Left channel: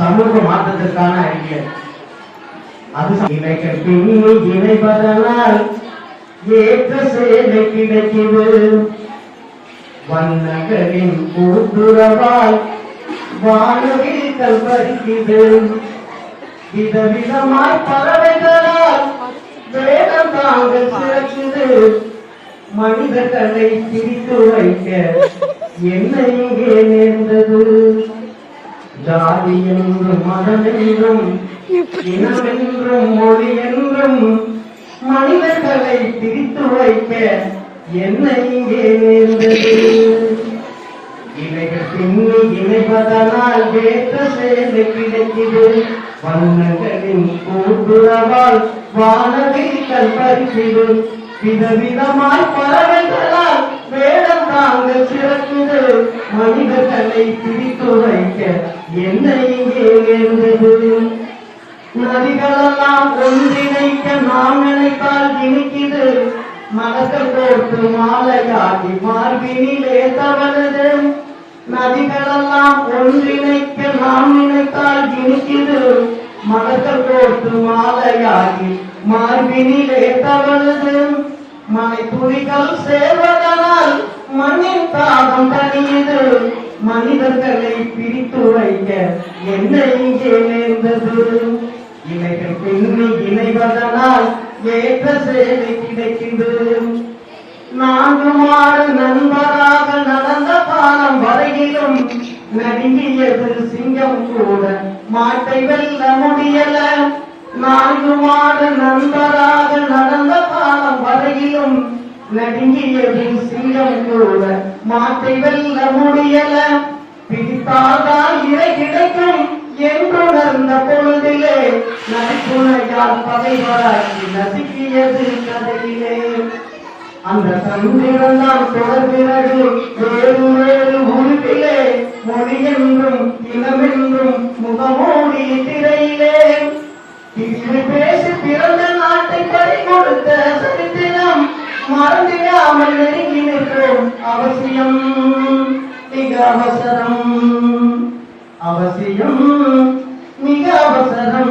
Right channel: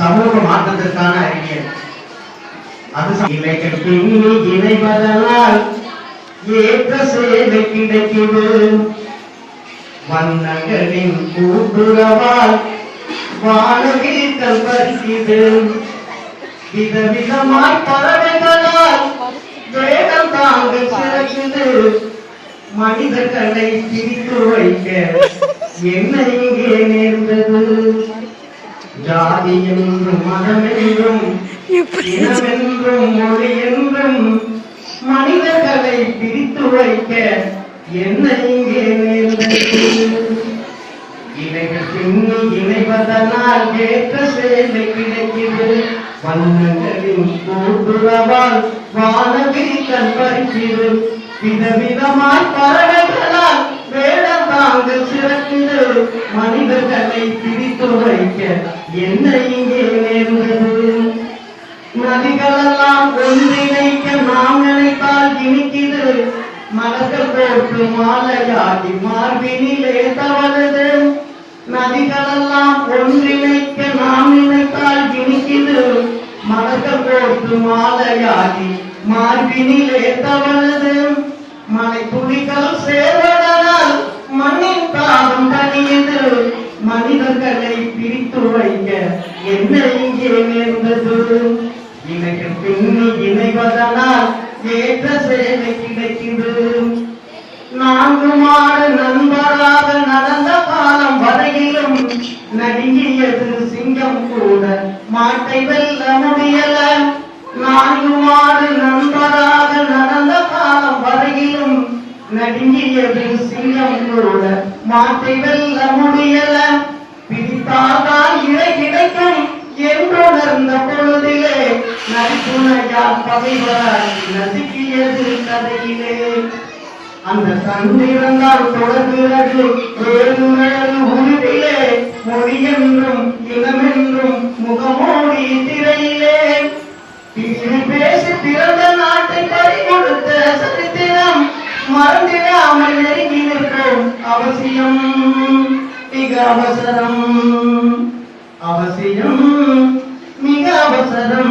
சமூக மாற்றத்திற்கான அறிவியல் அது ச- இலைகள் பின்னி இணைவதனால் ஏற்ற சேவை கிடைக்குது. வண்ணங்களின் கூட்டுறவால் வானவில் கல்வரிக்குது விதவிதமாய் பறவைகளால் வேடம் தாங்கள் சிறக்குது. மனிதர்களை பிரித்து வைக்க என்ன இங்கே நேர்ந்தது. ஜாதி என்றும் மதம் என்றும் இனம் என்றும் மொழி என்றும் மனிதர்களை பிரித்து வைக்க என்ன இங்கே இலைகள் பின்னி இணைவதனால் ஏற்ற சேலை கிடைக்குது வண்ணங்களின் கூட்டுறவால் வானவில் கற்பறிக்குது விதவிதமாய் பறவைகளால் வேடம் தாங்கள் சிறக்குது மனிதர்களை பிடித்து வைக்க என்ன இங்கே நேர்ந்தது? நதிகளெல்லாம் ஒன்றிணைக்க நாம் நினைத்தால் இனிக்குது. மலர்கள் போட்டு மாலையாகி மார்பினிலே தவறுது நதிகளெல்லாம் ஒன்றிணைக்க நாம் நினைத்தால் இனிக்குது. மலர்கள் போட்டு மாலையாகி மார்பினிலே தவறுது மனை துணிகள் சேர்வதனால் மனிதர்களை பிரித்து வைக்க என்ன இங்கே நேர்ந்தது. இணைகள் பின்னி இணைவதனால் ஏற்ற சேவை கிடைக்கிறது நான்கு மாடு நண்பராக நடந்த காலம் வரையிலும் நடுங்கியது சிங்கம் கூட. மாட்டை வெல்ல முடியல. நான்கு மாடு நண்பராக நடந்த காலம் வரையிலும் நடுங்கியது சிங்கம் கூட. மாற்றி வெல்ல முடியல. பிரித்தாதான் இறை கிடைக்கும் என்றுணர்ந்த பொழுதிலே நரிப்புணையால் பகைவராகி நசுக்கியது கதையிலே. அந்த தந்திரந்தால் தொடர்கிறது வேறு வேறு உருவிலே மொழி என்றும் இனமென்றும் முகமோடி திரையிலே. பிரிவு பேசி பிறந்த நாட்டை பறி கொடுத்த சரித்திரம் மறந்திடாமல் நெருங்கி അവസിയം മികവസരം അവസിയം മികവസരം